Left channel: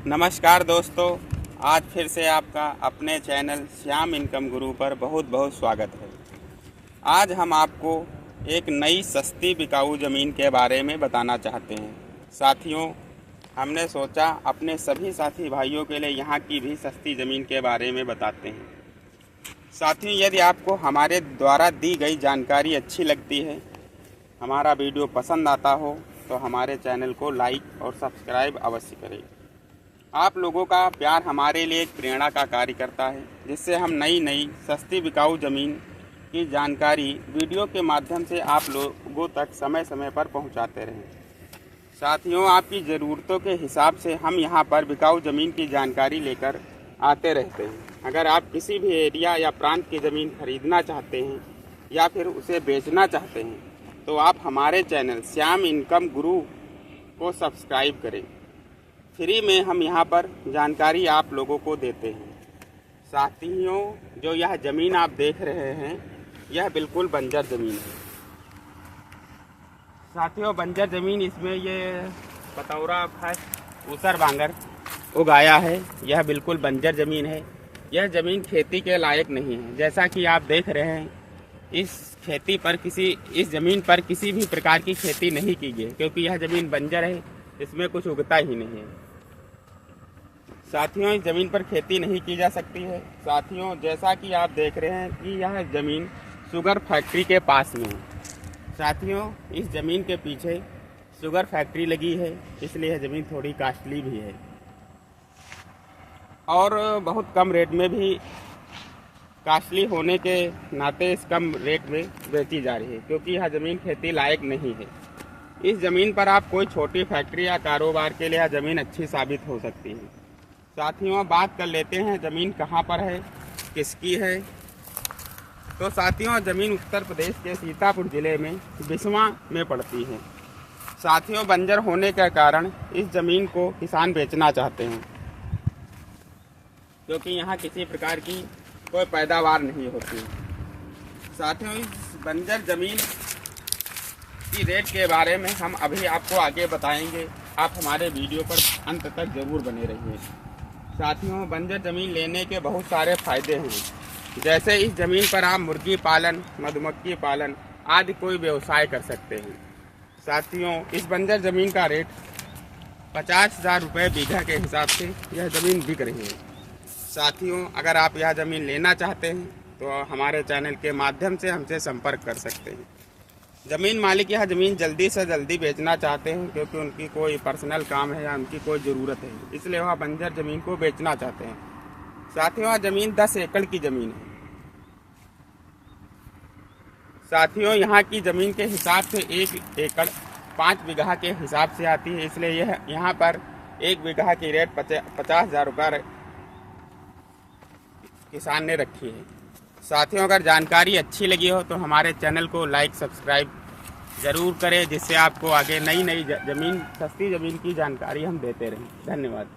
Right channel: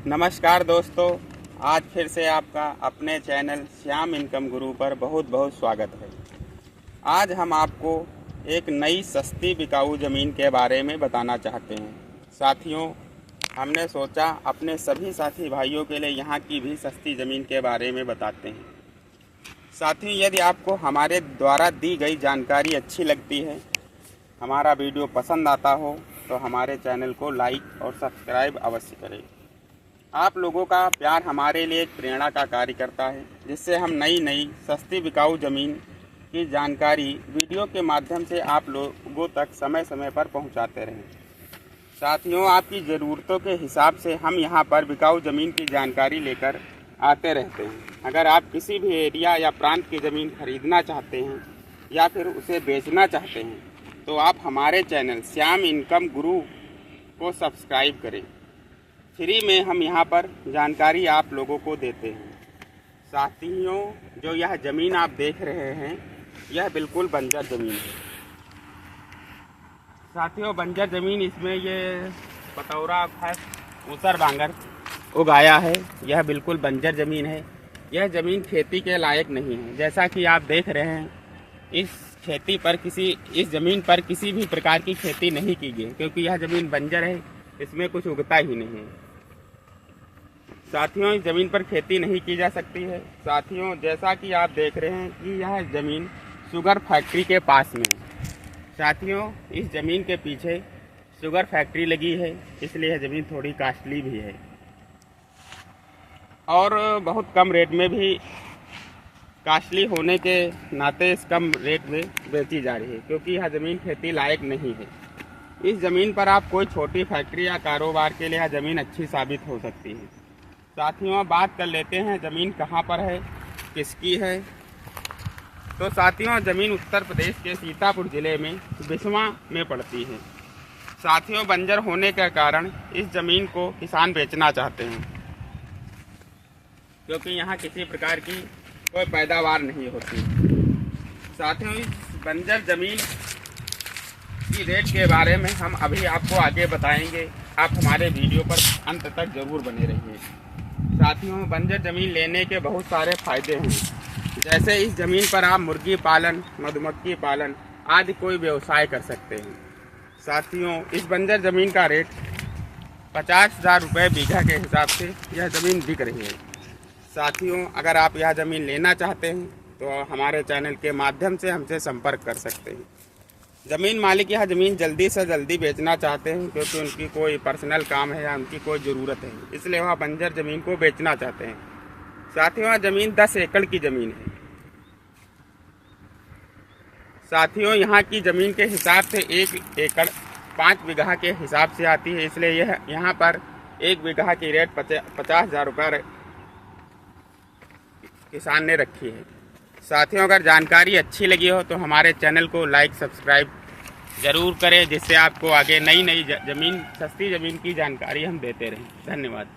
नमस्कार दोस्तों, आज फिर से आपका अपने चैनल श्याम इनकम गुरु पर बहुत बहुत स्वागत है। आज हम आपको एक नई सस्ती बिकाऊ ज़मीन के बारे में बताना चाहते हैं। साथियों, हमने सोचा अपने सभी साथी भाइयों के लिए यहाँ की भी सस्ती ज़मीन के बारे में बताते हैं। साथियों, यदि आपको हमारे द्वारा दी गई जानकारी अच्छी लगती है, हमारा वीडियो पसंद आता हो तो हमारे चैनल को लाइक और सब्सक्राइब अवश्य करें। आप लोगों का प्यार हमारे लिए एक प्रेरणा का कार्य करता है, जिससे हम नई सस्ती बिकाऊ ज़मीन की जानकारी वीडियो के माध्यम से आप लोगों तक समय समय पर पहुंचाते रहें। साथियों, आपकी ज़रूरतों के हिसाब से हम यहां पर बिकाऊ ज़मीन की जानकारी लेकर आते रहते हैं। अगर आप किसी भी एरिया या प्रांत की ज़मीन खरीदना चाहते हैं या फिर उसे बेचना चाहते हैं तो आप हमारे चैनल श्याम इनकम गुरु को सब्सक्राइब करें। फ्री में हम यहाँ पर जानकारी आप लोगों को देते हैं। साथियों, जो यह ज़मीन आप देख रहे हैं यह बिल्कुल बंजर ज़मीन है। साथियों, बंजर ज़मीन, इसमें ये पतौरा खस ऊसर बांगर उगाया है। यह बिल्कुल बंजर ज़मीन है। यह ज़मीन खेती के लायक नहीं है। जैसा कि आप देख रहे हैं, इस ज़मीन पर किसी भी प्रकार की खेती नहीं की गई, क्योंकि यह ज़मीन बंजर है, इसमें कुछ उगता ही नहीं है। साथियों, इस ज़मीन पर खेती नहीं की जा सकती है। साथियों, जैसा कि आप देख रहे हैं कि यह ज़मीन शुगर फैक्ट्री के पास में है। साथियों, इस ज़मीन के पीछे शुगर फैक्ट्री लगी है, इसलिए यह ज़मीन थोड़ी कास्टली भी है और बहुत कम रेट में भी, कास्टली होने के नाते इस कम रेट में बेची जा रही है, क्योंकि यह ज़मीन खेती लायक नहीं है। इस ज़मीन पर आप कोई छोटी फैक्ट्री या कारोबार के लिए यह ज़मीन अच्छी साबित हो सकती है। साथियों, बात कर लेते हैं ज़मीन कहाँ पर है, किसकी है। तो साथियों, ज़मीन उत्तर प्रदेश के सीतापुर ज़िले में बिस्वा में पड़ती है। साथियों, बंजर होने के कारण इस ज़मीन को किसान बेचना चाहते हैं, क्योंकि यहाँ किसी प्रकार की कोई पैदावार नहीं होती। साथियों, इस बंजर ज़मीन की रेट के बारे में हम अभी आपको आगे बताएंगे। आप हमारे वीडियो पर अंत तक जरूर बने रहिए। साथियों, बंजर ज़मीन लेने के बहुत सारे फायदे हैं। जैसे इस ज़मीन पर आप मुर्गी पालन, मधुमक्खी पालन आदि कोई व्यवसाय कर सकते हैं। साथियों, इस बंजर ज़मीन का रेट 50,000 रुपये बीघा के हिसाब से यह ज़मीन बिक रही है। साथियों, अगर आप यह ज़मीन लेना चाहते हैं तो हमारे चैनल के माध्यम से हमसे संपर्क कर सकते हैं। ज़मीन मालिक यह ज़मीन जल्दी से जल्दी बेचना चाहते हैं, क्योंकि उनकी कोई पर्सनल काम है या उनकी कोई ज़रूरत है, इसलिए वह बंजर ज़मीन को बेचना चाहते हैं। साथियों, ज़मीन 10 एकड़ की ज़मीन है। साथियों, यहाँ की ज़मीन के हिसाब से 1 एकड़ 5 बीघा के हिसाब से आती है, इसलिए यह यहाँ पर 1 बीघा की रेट 50,000 रुपये किसान ने रखी है। साथियों, अगर जानकारी अच्छी लगी हो तो हमारे चैनल को लाइक सब्सक्राइब ज़रूर करें, जिससे आपको आगे नई ज़मीन, सस्ती ज़मीन की जानकारी हम देते रहें। धन्यवाद।